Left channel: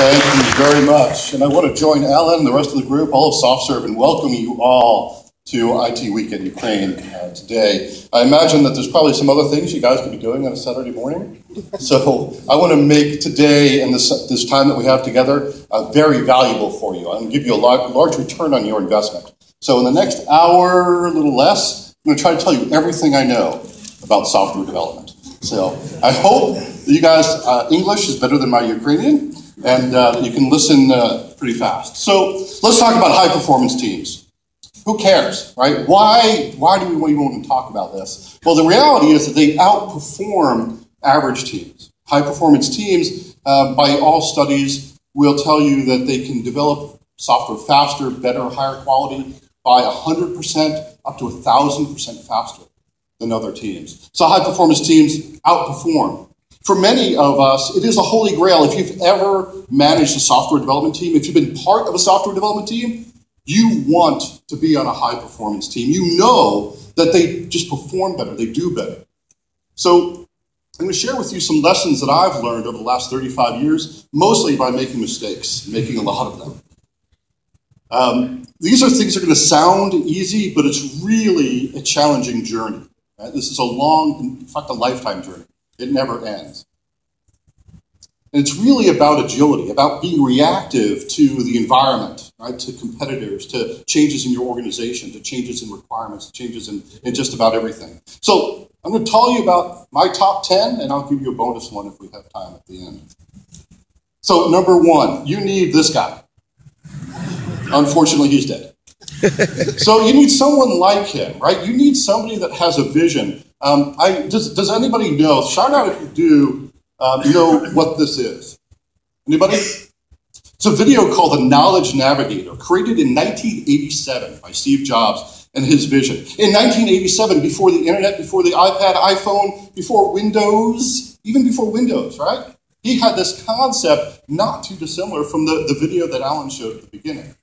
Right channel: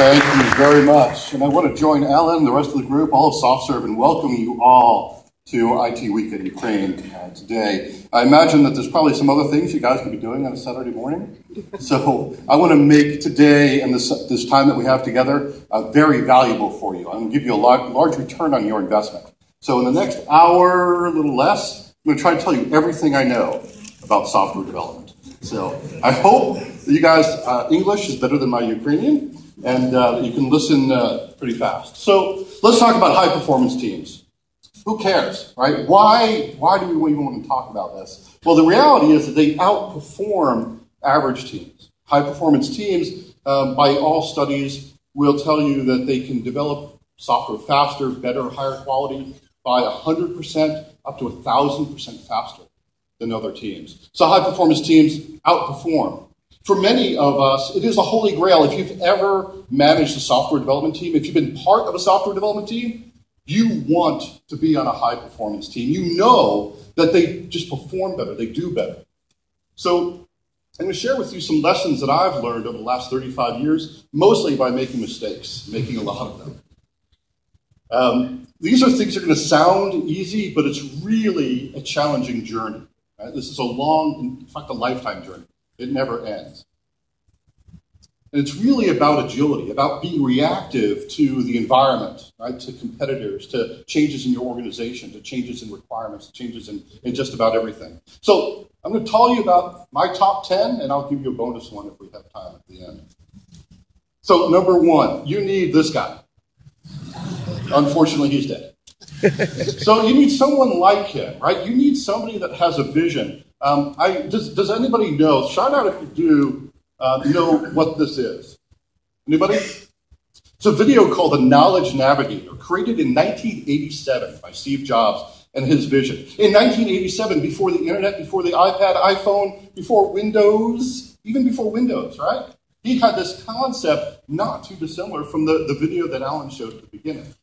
Thank you very much. And I want to join Alan and the rest of the group, all of SoftServe, in welcoming you all to IT Week in Ukraine today. I imagine that there's probably some other things you guys could be doing on a Saturday morning. So I want to make today and this time that we have together very valuable for you. I'm going to give you a large return on your investment. So in the next hour, a little less, I'm going to try to tell you everything I know about software development. So I hope that you guys, English is better than my Ukrainian, and you can listen pretty fast. So let's talk about high-performance teams. Who cares, right? Why do we even want to talk about this? Well, the reality is that they outperform average teams. High-performance teams, by all studies, will tell you that they can develop software faster, better, higher quality by 100% up to 1,000% faster than other teams. So high-performance teams outperform. For many of us, it is a holy grail. If you've ever managed a software development team, if you've been part of a software development team, you want to be on a high-performance team. You know that they just perform better, they do better. So I'm going to share with you some lessons that I've learned over the last 35 years, mostly by making mistakes, making a lot of them. These are things that are going to sound easy, but it's really a challenging journey. Right? This is a long, in fact, a lifetime journey. It never ends. And it's really about agility, about being reactive to the environment, right? To competitors, to changes in your organization, to changes in requirements, to changes in just about everything. So I'm going to tell you about my top 10, and I'll give you a bonus one if we have time at the end. So number one, you need this guy. Unfortunately, he's dead. So you need someone like him, right? You need somebody that has a vision. Does anybody know, shout out if you do, know what this is? Anybody? It's a video called The Knowledge Navigator, created in 1987 by Steve Jobs and his vision. In 1987, before the internet, before the iPad, iPhone, before Windows, even before Windows, right? He had this concept not too dissimilar from the video that Alan showed at the beginning.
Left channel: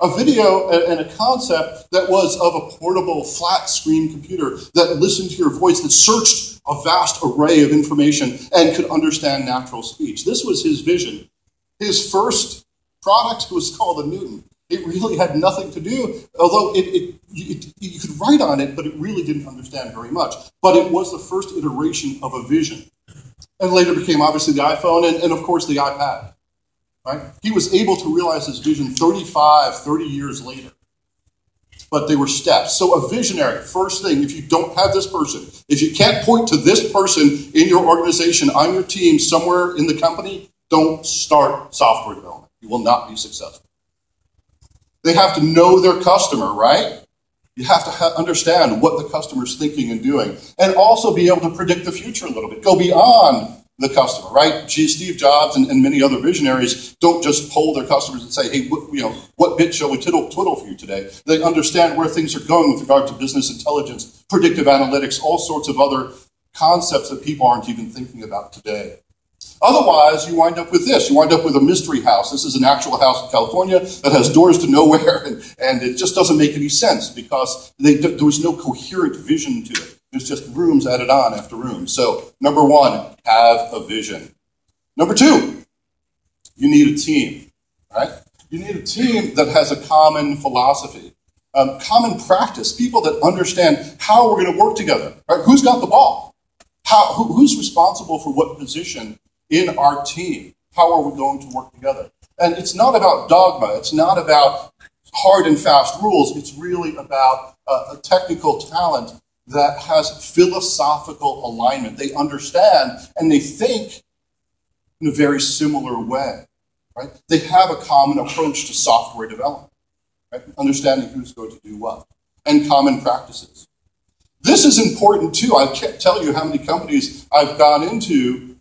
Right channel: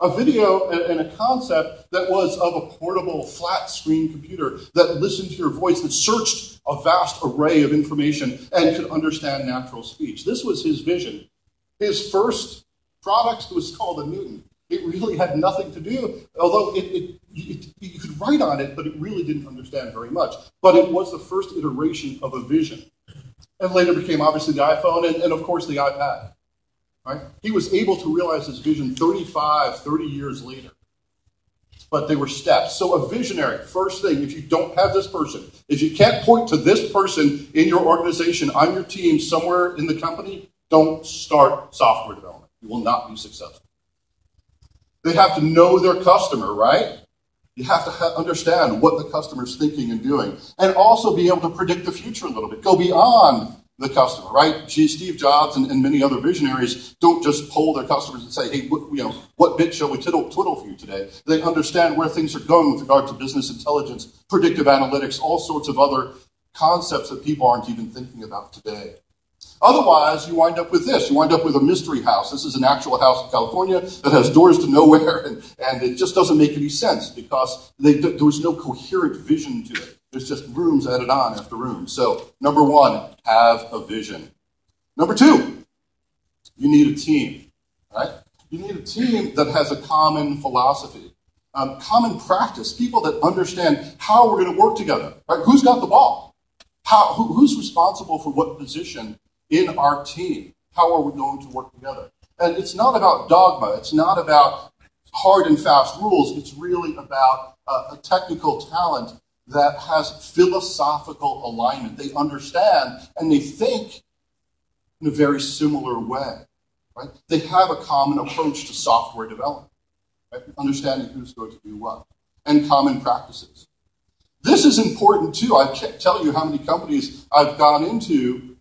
A video and a concept that was of a portable, flat-screen computer that listened to your voice, that searched a vast array of information and could understand natural speech. This was his vision. His first product was called the Newton. It really had nothing to do, although you could write on it, but it really didn't understand very much. But it was the first iteration of a vision. And later became, obviously, the iPhone and of course, the iPad. Right? He was able to realize his vision 30 years later. But they were steps. So a visionary, first thing, if you don't have this person, if you can't point to this person in your organization, on your team, somewhere in the company, don't start software development. You will not be successful. They have to know their customer, right? You have to understand what the customer's thinking and doing. And also be able to predict the future a little bit. Go beyond the customer, right? Steve Jobs and many other visionaries don't just poll their customers and say, hey, what bit shall we twiddle for you today? They understand where things are going with regard to business intelligence, predictive analytics, all sorts of other concepts that people aren't even thinking about today. Otherwise, you wind up with this. You wind up with a mystery house. This is an actual house in California that has doors to nowhere, and it just doesn't make any sense because there was no coherent vision to it. There's just rooms added on after rooms. So, number one, have a vision. Number two, you need a team, right? You need a team that has a common philosophy, common practice, people that understand how we're going to work together, right? Who's got the ball? Who's responsible for what position in our team? How are we going to work together? And it's not about dogma. It's not about hard and fast rules. It's really about a technical talent that has philosophical alignment. They understand and they think in a very similar way, right? They have a common approach to software development, right? Understanding who's going to do what, and common practices. This is important too. I can't tell you how many companies I've gone into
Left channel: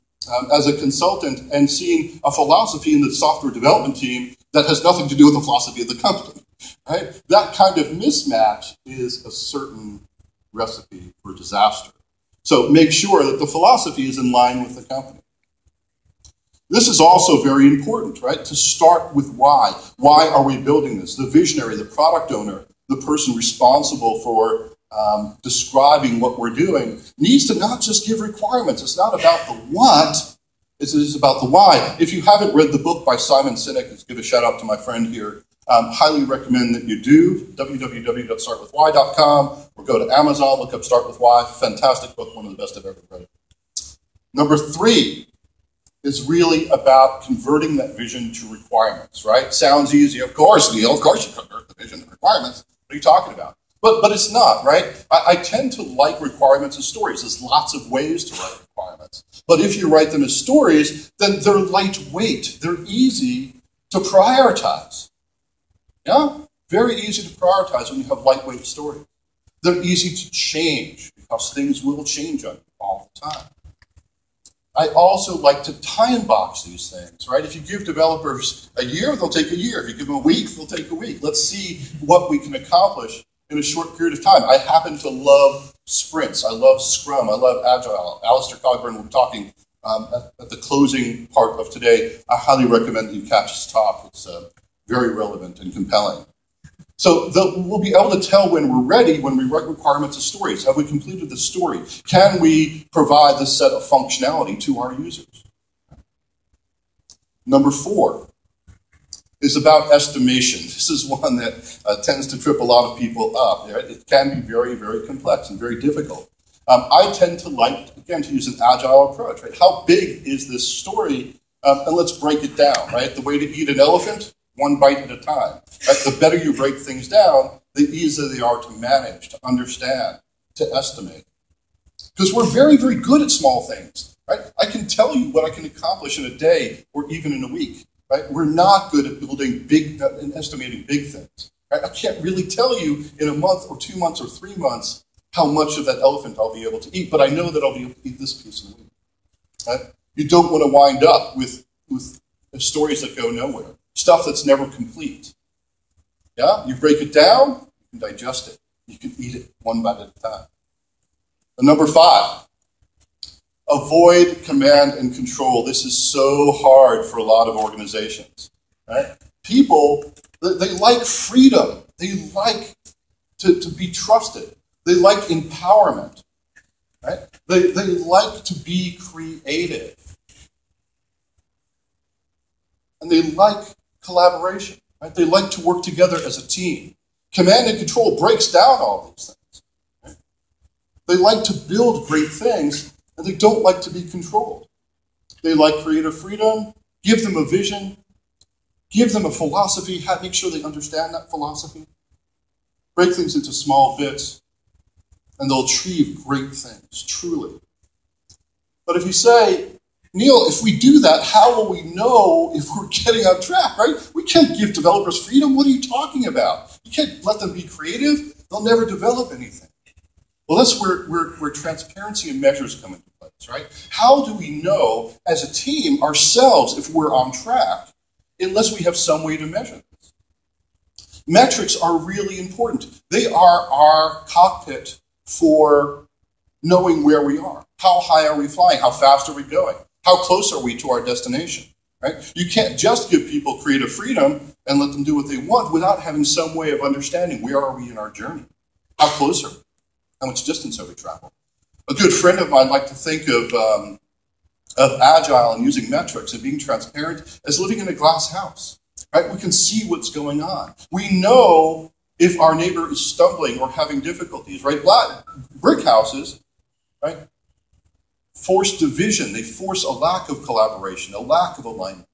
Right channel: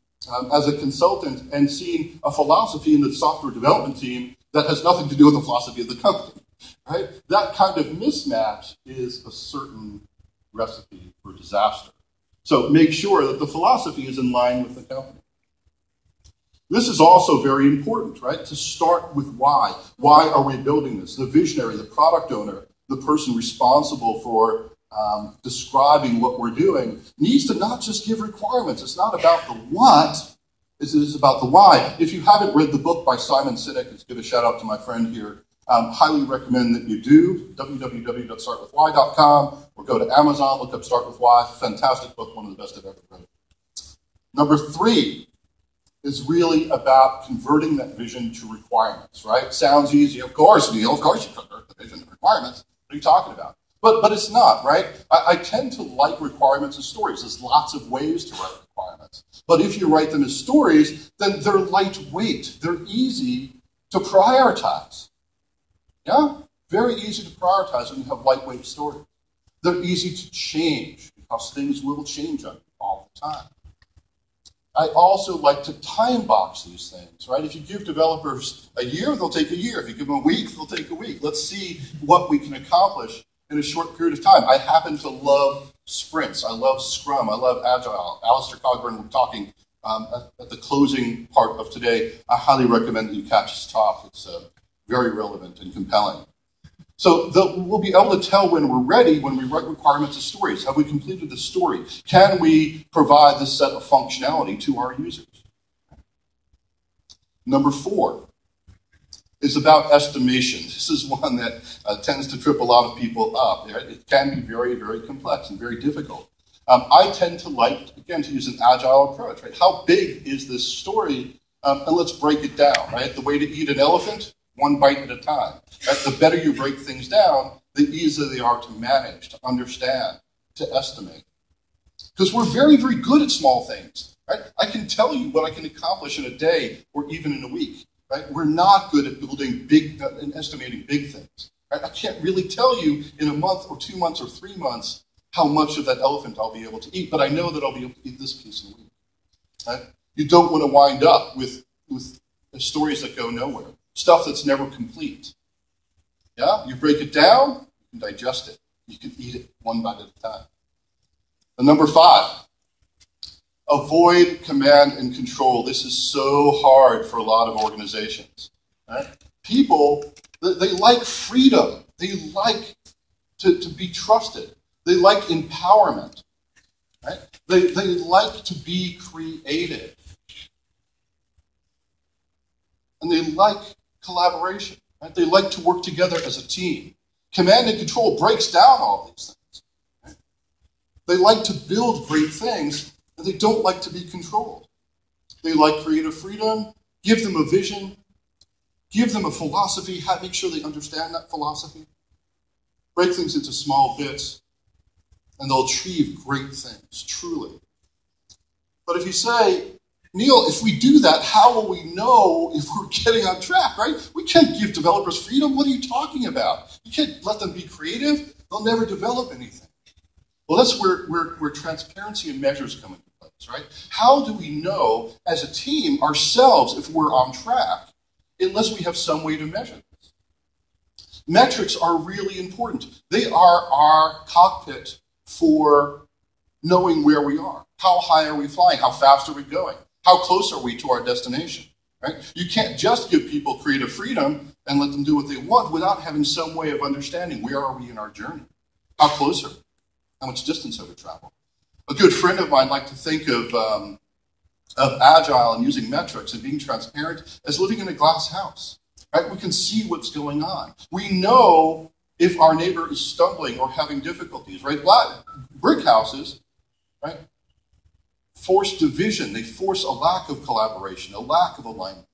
as a consultant and seen a philosophy in the software development team that has nothing to do with the philosophy of the company, right? That kind of mismatch is a certain recipe for disaster. So make sure that the philosophy is in line with the company. This is also very important, right? To start with why. Why are we building this? The visionary, the product owner, the person responsible for describing what we're doing needs to not just give requirements. It's not about the what, It is about the why. If you haven't read the book by Simon Sinek, let's give a shout out to my friend here. Highly recommend that you do. www.startwithwhy.com or go to Amazon, look up Start With Why. Fantastic book, one of the best I've ever read. Number 3 is really about converting that vision to requirements, right? Sounds easy. Of course, Neil, of course you convert the vision to requirements. What are you talking about? But it's not, right? I tend to like requirements as stories. There's lots of ways to write requirements. But if you write them as stories, then they're lightweight. They're easy to prioritize. Yeah? Very easy to prioritize when you have lightweight stories. They're easy to change because things will change on you all the time. I also like to time box these things, right? If you give developers a year, they'll take a year. If you give them a week, they'll take a week. Let's see what we can accomplish in a short period of time. I happen to love sprints. I love Scrum. I love Agile. Alistair Cogburn, we're talking at the closing part of today. I highly recommend that you catch his talk. It's very relevant and compelling. So we'll be able to tell when we're ready when we write requirements as stories. Have we completed the story? Can we provide this set of functionality to our users? Number 4 is about estimation. This is one that tends to trip a lot of people up. Right? It can be very, very complex and very difficult. I tend to like, again, to use an agile approach. Right? How big is this story? And let's break it down. Right? The way to eat an elephant, one bite at a time. Right? The better you break things down, the easier they are to manage, to understand, to estimate. Because we're very, very good at small things. Right? I can tell you what I can accomplish in a day or even in a week. Right? We're not good at building big and estimating big things. Right? I can't really tell you in a month or 2 months or 3 months how much of that elephant I'll be able to eat, but I know that I'll be able to eat this piece in a week. Right? You don't want to wind up with stories that go nowhere. Stuff that's never complete. Yeah? You break it down, you can digest it. You can eat it one bite at a time. And number 5, avoid command and control. This is so hard for a lot of organizations. Right? People, they like freedom. They like to be trusted. They like empowerment. Right? They like to be creative. And they like collaboration. Right? They like to work together as a team. Command and control breaks down all these things. Right? They like to build great things, and they don't like to be controlled. They like creative freedom. Give them a vision. Give them a philosophy. Make sure they understand that philosophy. Break things into small bits, and they'll achieve great things, truly. But if you say, Neil, if we do that, how will we know if we're getting on track, right? We can't give developers freedom. What are you talking about? You can't let them be creative. They'll never develop anything. Well, that's where transparency and measures come into place, right? How do we know as a team ourselves if we're on track unless we have some way to measure this? Metrics are really important. They are our cockpit for knowing where we are. How high are we flying? How fast are we going? How close are we to our destination? Right? You can't just give people creative freedom and let them do what they want without having some way of understanding where are we in our journey? How close are we? How much distance have we traveled? A good friend of mine liked to think of Agile and using metrics and being transparent as living in a glass house. Right? We can see what's going on. We know if our neighbor is stumbling or having difficulties. Right? Brick houses, right, force division. They force a lack of collaboration, a lack of alignment.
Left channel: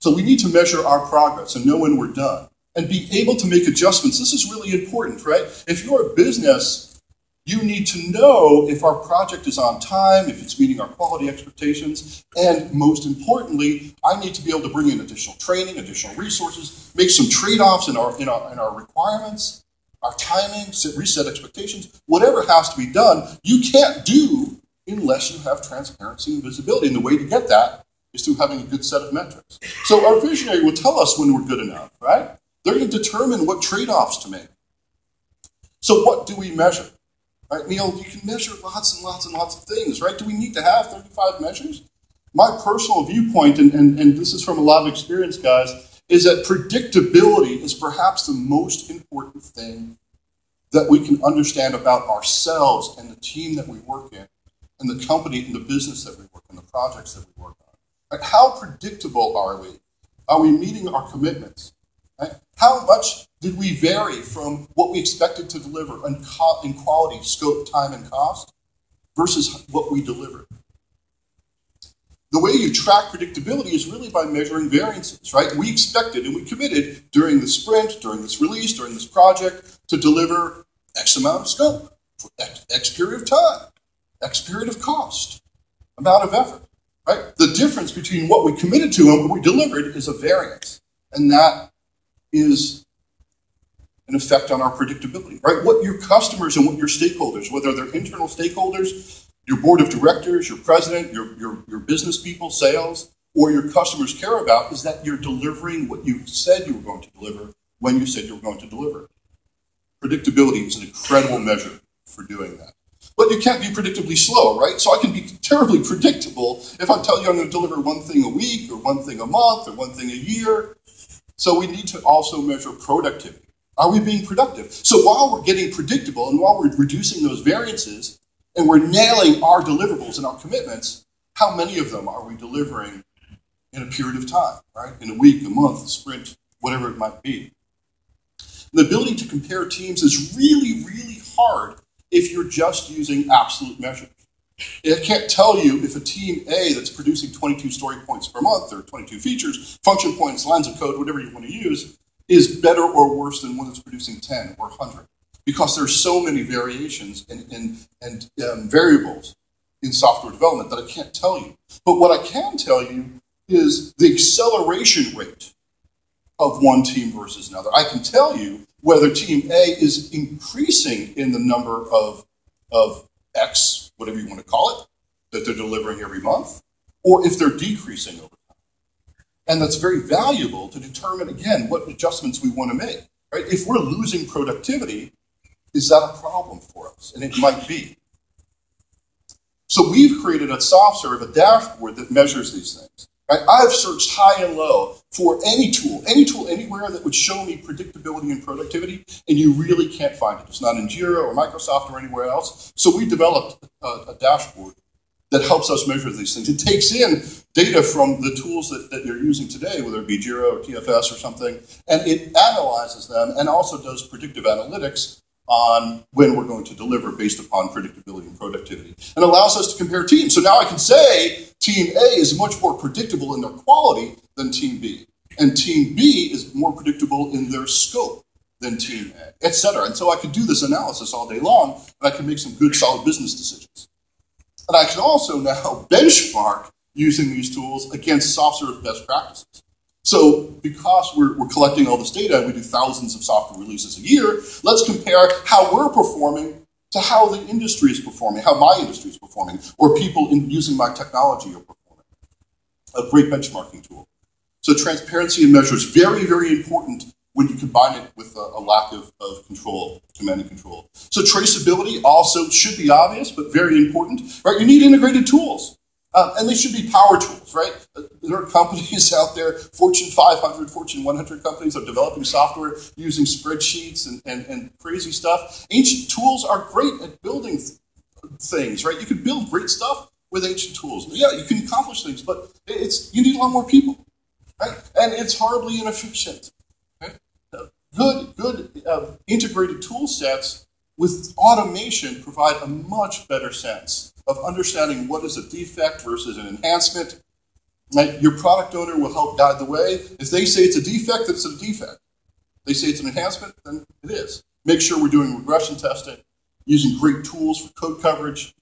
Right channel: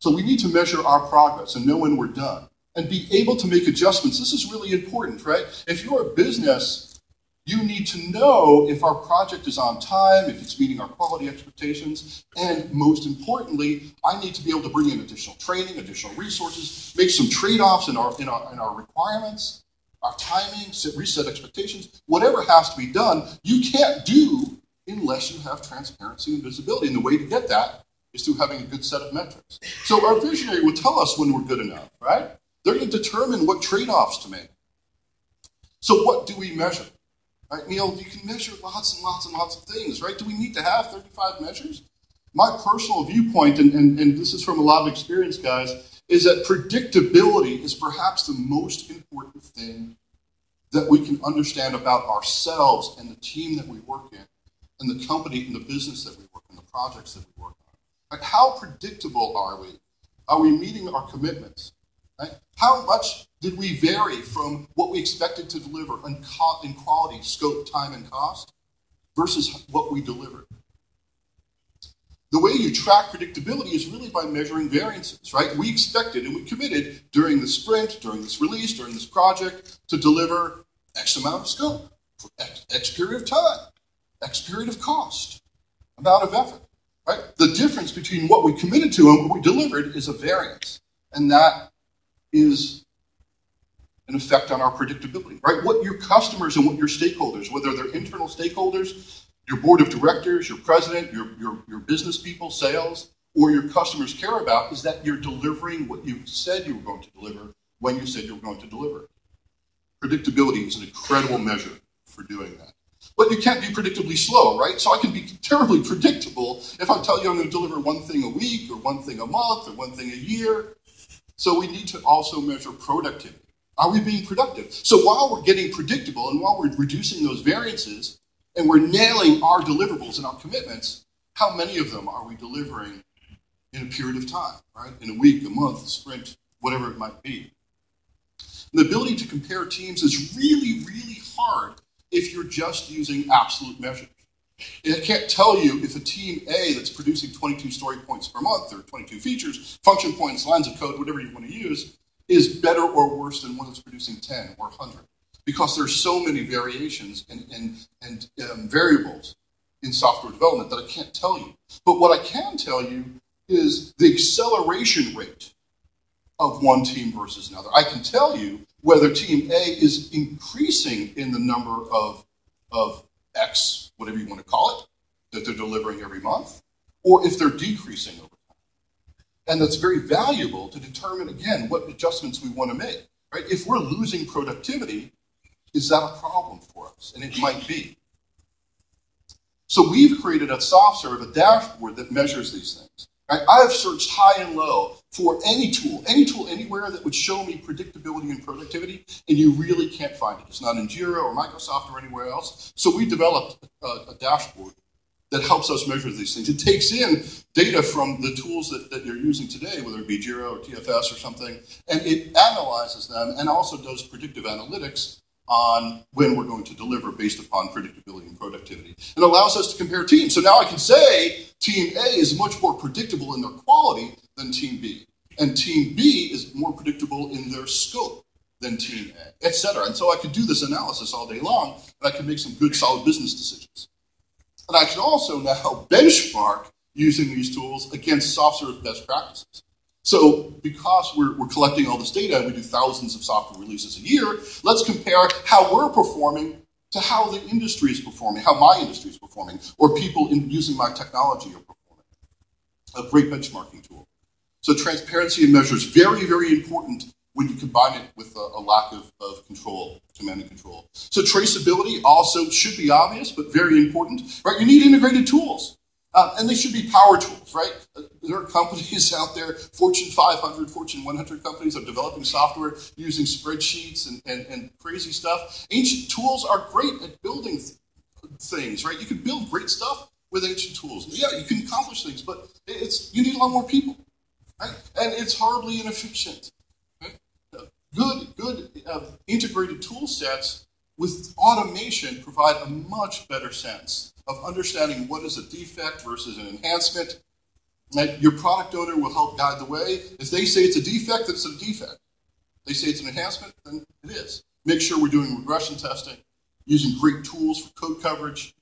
So we need to measure our progress and know when we're done and be able to make adjustments. This is really important, right? If you're a business, you need to know if our project is on time, if it's meeting our quality expectations, and most importantly, I need to be able to bring in additional training, additional resources, make some trade-offs in our requirements, our timing, reset expectations, whatever has to be done, you can't do unless you have transparency and visibility. And the way to get that is through having a good set of metrics. So our visionary will tell us when we're good enough, right? They're going to determine what trade-offs to make. So what do we measure? Right, Neil, you can measure lots and lots and lots of things, right? Do we need to have 35 measures? My personal viewpoint, and this is from a lot of experience, guys, is that predictability is perhaps the most important thing that we can understand about ourselves and the team that we work in, and the company and the business that we work in. and the projects that we work on. Right? How predictable are we? Are we meeting our commitments? Right? How much did we vary from what we expected to deliver in quality, scope, time, and cost versus what we delivered? The way you track predictability is really by measuring variances, right? We expected and we committed during the sprint, during this release, during this project to deliver X amount of scope for X period of time, X period of cost, amount of effort, right? The difference between what we committed to and what we delivered is a variance, and that is an effect on our predictability, right? What your customers and what your stakeholders, whether they're internal stakeholders, your board of directors, your president, your business people, sales, or your customers care about is that you're delivering what you said you were going to deliver when you said you were going to deliver it. Predictability is an incredible measure for doing that. But you can't be predictably slow, right? So I can be terribly predictable if I tell you I'm going to deliver one thing a week or one thing a month or one thing a year. So we need to also measure productivity. Are we being productive? So while we're getting predictable and while we're reducing those variances and we're nailing our deliverables and our commitments, how many of them are we delivering in a period of time, right? In a week, a month, a sprint, whatever it might be. And the ability to compare teams is really, really hard if you're just using absolute measures. I can't tell you if a team A that's producing 22 story points per month or 22 features, function points, lines of code, whatever you want to use, is better or worse than one that's producing 10 or 100. Because there's so many variations and variables in software development that I can't tell you. But what I can tell you is the acceleration rate of one team versus another. I can tell you whether team A is increasing in the number of X, whatever you want to call it, that they're delivering every month, or if they're decreasing over time. And that's very valuable to determine, again, what adjustments we want to make. Right? If we're losing productivity, is that a problem for us? And it might be. So we've created at SoftServe a dashboard that measures these things. Right? I've searched high and low for any tool anywhere that would show me predictability and productivity, and you really can't find it. It's not in Jira or Microsoft or anywhere else. So we developed a dashboard that helps us measure these things. It takes in data from the tools that you're using today, whether it be Jira or TFS or something, and it analyzes them and also does predictive analytics on when we're going to deliver based upon predictability and productivity, and allows us to compare teams. So now I can say team A is much more predictable in their quality than team B, and team B is more predictable in their scope than team A, etc. And so I could do this analysis all day long, and I can make some good, solid business decisions. And I can also now benchmark using these tools against SoftServe best practices. So because we're collecting all this data and we do thousands of software releases a year, let's compare how we're performing to how the industry is performing, how my industry is performing, or people using my technology are performing. A great benchmarking tool. So transparency in measure is very, very important when you combine it with a lack of control, command and control. So traceability also should be obvious, but very important. Right? You need integrated tools. And they should be power tools, right? There are companies out there, Fortune 500, Fortune 100 companies are developing software using spreadsheets and crazy stuff. Ancient tools are great at building things, right? You can build great stuff with ancient tools. Yeah, you can accomplish things, but you need a lot more people, right? And it's horribly inefficient. Right? Good integrated tool sets with automation provide a much better sense of understanding what is a defect versus an enhancement. Like your product owner will help guide the way. If they say it's a defect, then it's a defect. They say it's an enhancement, then it is. Make sure we're doing regression testing, using great tools for code coverage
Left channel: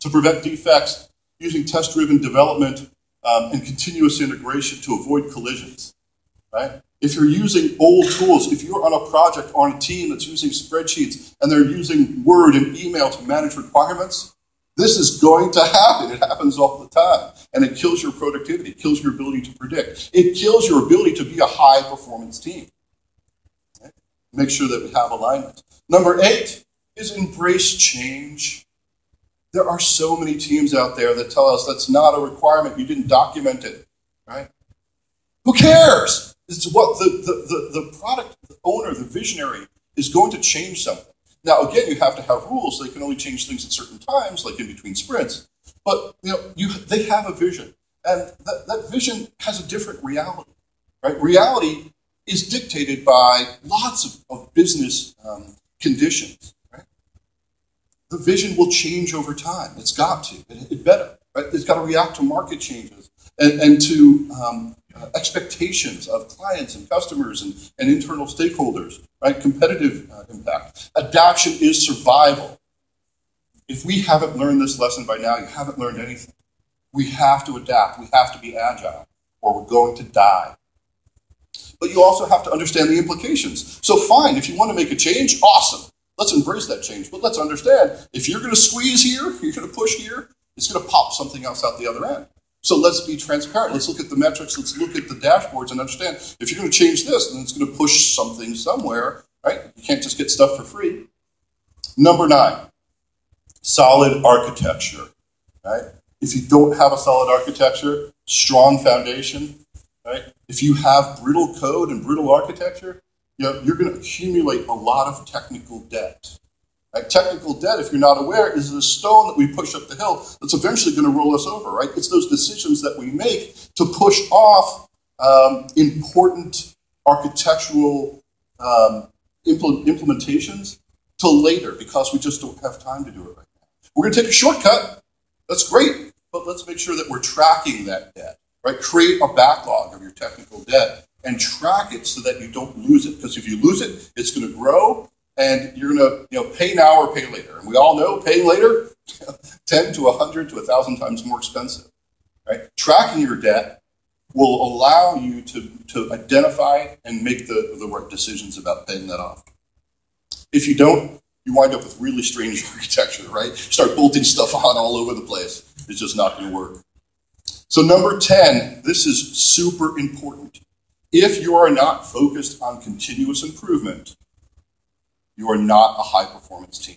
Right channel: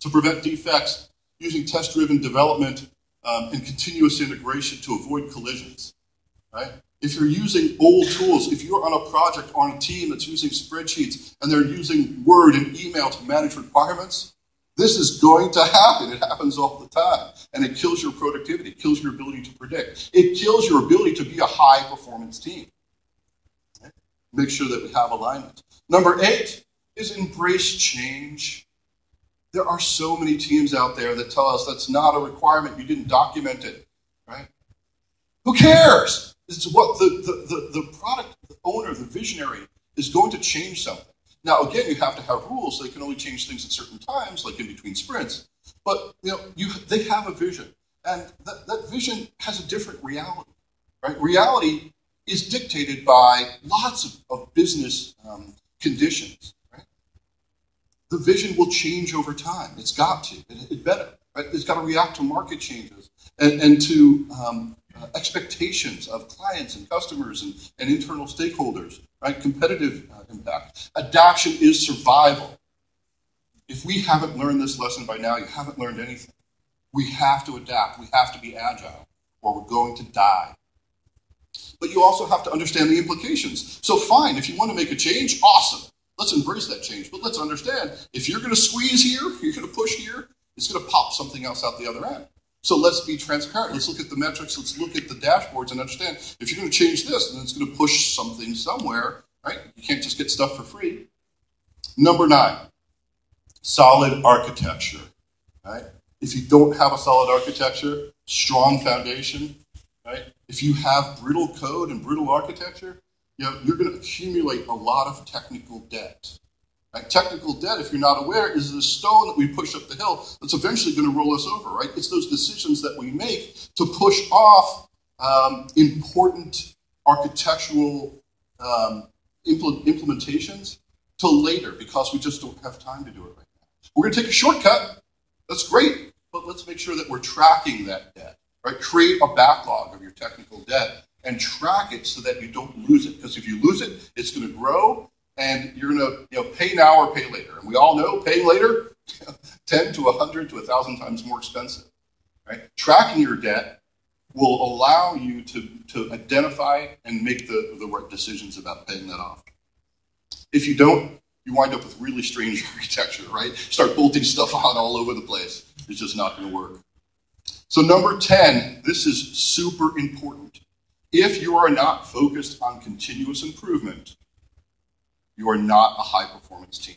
to prevent defects, using test-driven development and continuous integration to avoid collisions. Right? If you're using old tools, if you're on a project or on a team that's using spreadsheets and they're using Word and email to manage requirements, this is going to happen. It happens all the time. And it kills your productivity. It kills your ability to predict. It kills your ability to be a high-performance team. Okay? Make sure that we have alignment. Number 8 is embrace change. There are so many teams out there that tell us that's not a requirement. You didn't document it. Right? Who cares? It's what the product owner, the visionary, is going to change something. Now, again, you have to have rules. They can only change things at certain times, like in between sprints. But they have a vision, and that vision has a different reality. Right? Reality is dictated by lots of business conditions. Right? The vision will change over time. It's got to. It better. Right? It's got to react to market changes and to expectations of clients and customers and internal stakeholders. Right? Competitive impact. Adaptation is survival. If we haven't learned this lesson by now, you haven't learned anything. We have to adapt. We have to be agile, or we're going to die. But you also have to understand the implications. So fine, if you want to make a change, awesome. Let's embrace that change. But let's understand, if you're going to squeeze here, you're going to push here, it's going to pop something else out the other end. So let's be transparent. Let's look at the metrics. Let's look at the dashboards and understand, if you're going to change this, then it's going to push something somewhere. Right? You can't just get stuff for free. Number 9, solid architecture. Right? If you don't have a solid architecture, strong foundation, right? If you have brittle code and brittle architecture, you're going to accumulate a lot of technical debt. Right? Technical debt, if you're not aware, is the stone that we push up the hill that's eventually going to roll us over. Right? It's those decisions that we make to push off important architectural implementations till later, because we just don't have time to do it right now. We're going to take a shortcut. That's great, but let's make sure that we're tracking that debt. Right? Create a backlog of your technical debt and track it so that you don't lose it. Because if you lose it, it's going to grow, and you're going to pay now or pay later. And we all know paying later, 10 to 100 to 1,000 times more expensive. Right? Tracking your debt will allow you to identify and make the right decisions about paying that off. If you don't, you wind up with really strange architecture, right? Start bolting stuff on all over the place. It's just not going to work. So number 10, this is super important. If you are not focused on continuous improvement, you are not a high-performance team.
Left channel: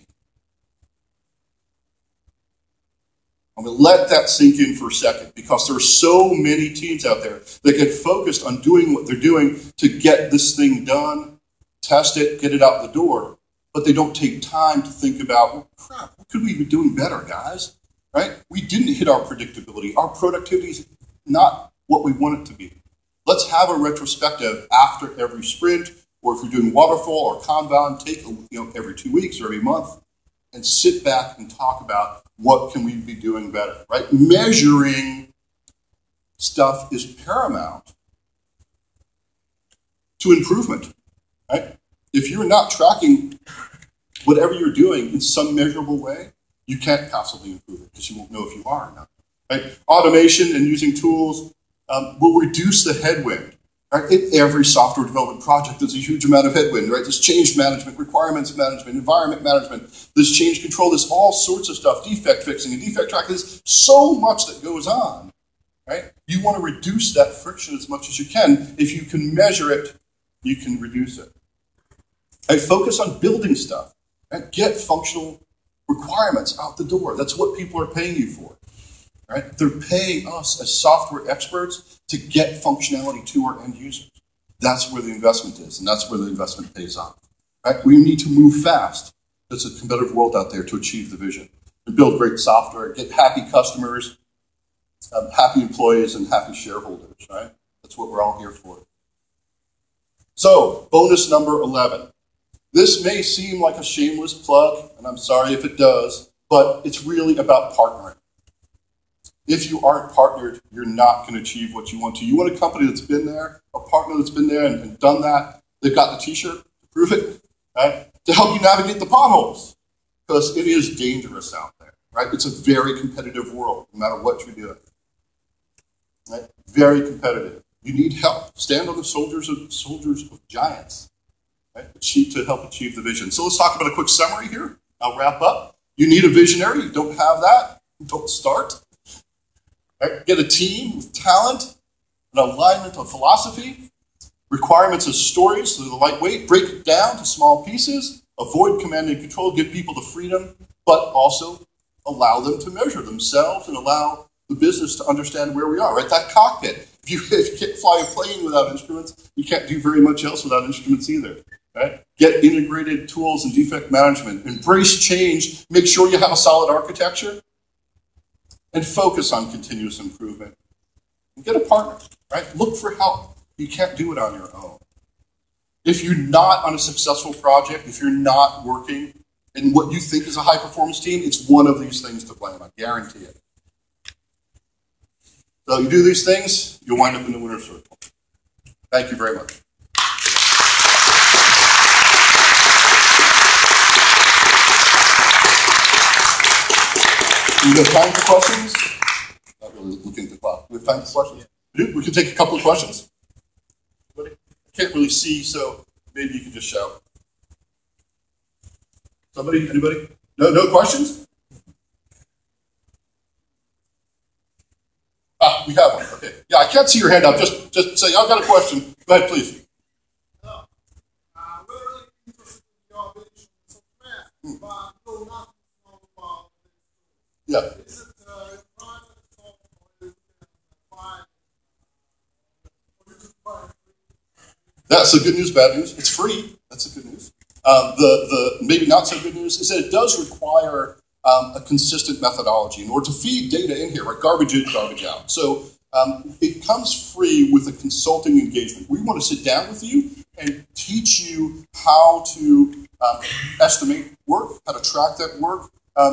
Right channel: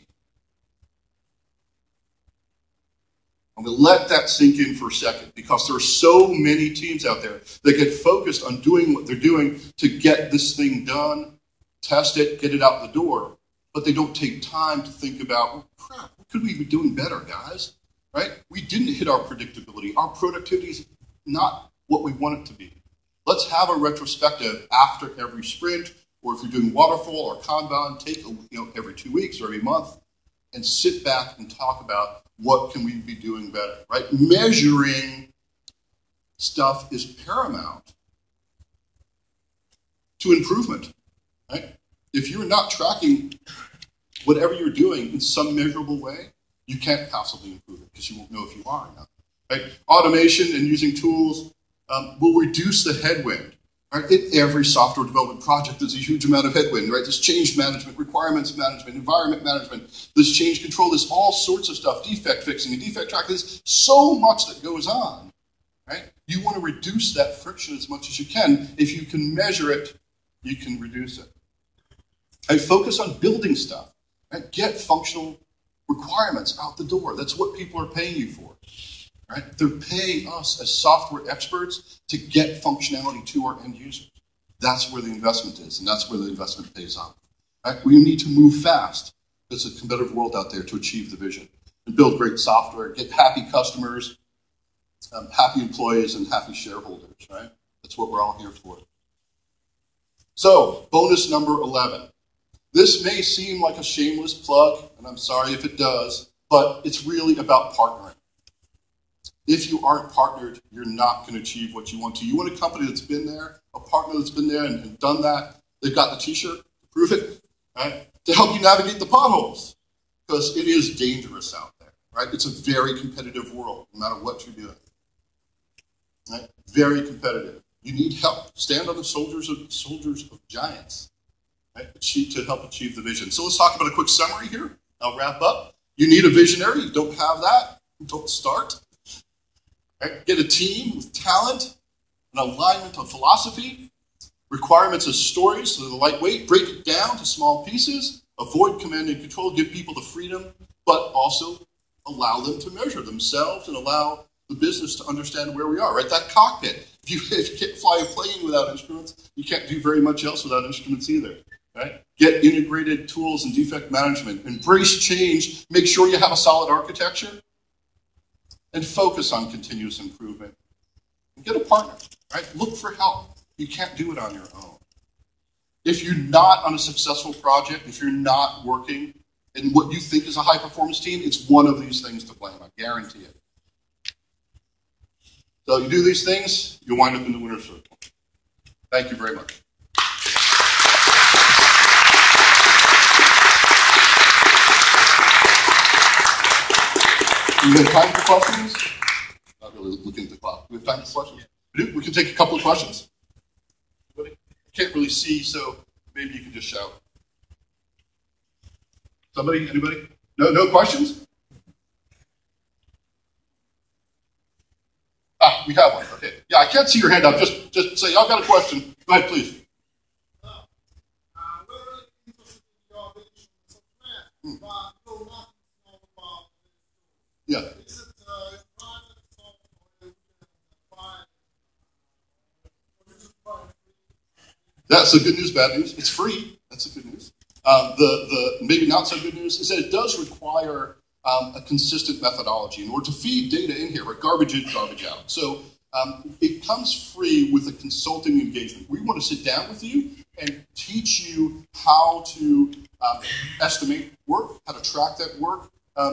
I'm going to let that sink in for a second, because there are so many teams out there that get focused on doing what they're doing to get this thing done, test it, get it out the door, but they don't take time to think about, well, crap, what could we be doing better, guys? Right? We didn't hit our predictability. Our productivity is not what we want it to be. Let's have a retrospective after every sprint, or if you're doing waterfall or Kanban, take every 2 weeks or every month, and sit back and talk about what can we be doing better. Right? Measuring stuff is paramount to improvement. Right? If you're not tracking whatever you're doing in some measurable way, you can't possibly improve it, because you won't know if you are or not. Right? Automation and using tools will reduce the headwind. Right? In every software development project, there's a huge amount of headwind. Right? There's change management, requirements management, environment management. There's change control. There's all sorts of stuff. Defect fixing and defect tracking. There's so much that goes on. Right? You want to reduce that friction as much as you can. If you can measure it, you can reduce it. And focus on building stuff. Right? Get functional requirements out the door. That's what people are paying you for. Right? They're paying us as software experts to get functionality to our end users. That's where the investment is, and that's where the investment pays off. Right? We need to move fast. There's a competitive world out there to achieve the vision and build great software, get happy customers, happy employees, and happy shareholders. Right? That's what we're all here for. So, bonus number 11. This may seem like a shameless plug, and I'm sorry if it does, but it's really about partnering. If you aren't partnered, you're not going to achieve what you want to. You want a company that's been there, a partner that's been there and done that. They've got the t-shirt to prove it, right? To help you navigate the potholes, because it is dangerous out there, right? It's a very competitive world, no matter what you're doing, right? Very competitive. You need help. Stand on the shoulders of giants, right? To help achieve the vision. So let's talk about a quick summary here. I'll wrap up. You need a visionary. You don't have that, don't start. Right? Get a team with talent, an alignment of philosophy, requirements of stories, so they're lightweight, break it down to small pieces, avoid command and control, give people the freedom, but also allow them to measure themselves and allow the business to understand where we are. Right? That cockpit. If you can't fly a plane without instruments, you can't do very much else without instruments either. Right? Get integrated tools and defect management. Embrace change. Make sure you have a solid architecture. And focus on continuous improvement. And get a partner, right? Look for help. You can't do it on your own. If you're not on a successful project, if you're not working in what you think is a high-performance team, it's one of these things to blame. I guarantee it. So you do these things, you'll wind up in the winner's circle. Thank you very much. Do we have time for questions? Not really looking at the clock. Do we have time for questions? We do. We can take a couple of questions. Anybody? I can't really see, so maybe you can just shout. Somebody? Anybody? No questions? Ah, we have one. Okay. Yeah, I can't see your hand up. Just say, I've got a question. Go ahead, please. Yeah. Yeah, so good news, bad news. It's free. That's the good news. The maybe not so good news is that it does require a consistent methodology in order to feed data in here, right? Garbage in, garbage out. So it comes free with a consulting engagement. We want to sit down with you and teach you how to estimate work, how to track that work.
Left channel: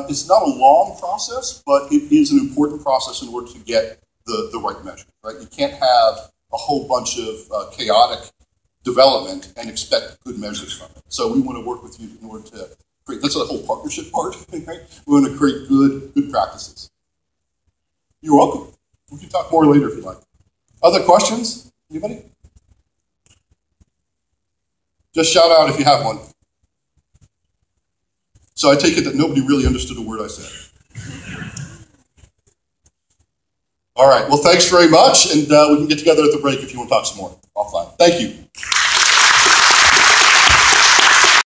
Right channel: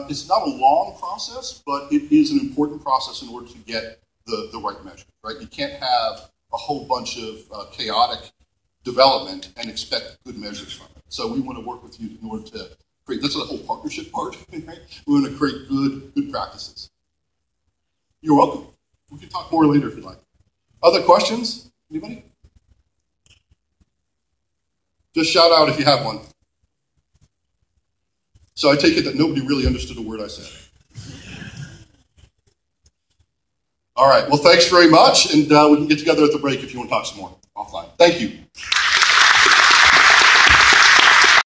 It's not a long process, but it is an important process in order to get the right measure, right? You can't have a whole bunch of chaotic development and expect good measures from it. So we want to work with you in order to create, that's the whole partnership part, right? We want to create good practices. You're welcome. We can talk more later if you'd like. Other questions? Anybody? Just shout out if you have one. So I take it that nobody really understood a word I said. All right. Well, thanks very much. And we can get together at the break if you want to talk some more offline. Thank you.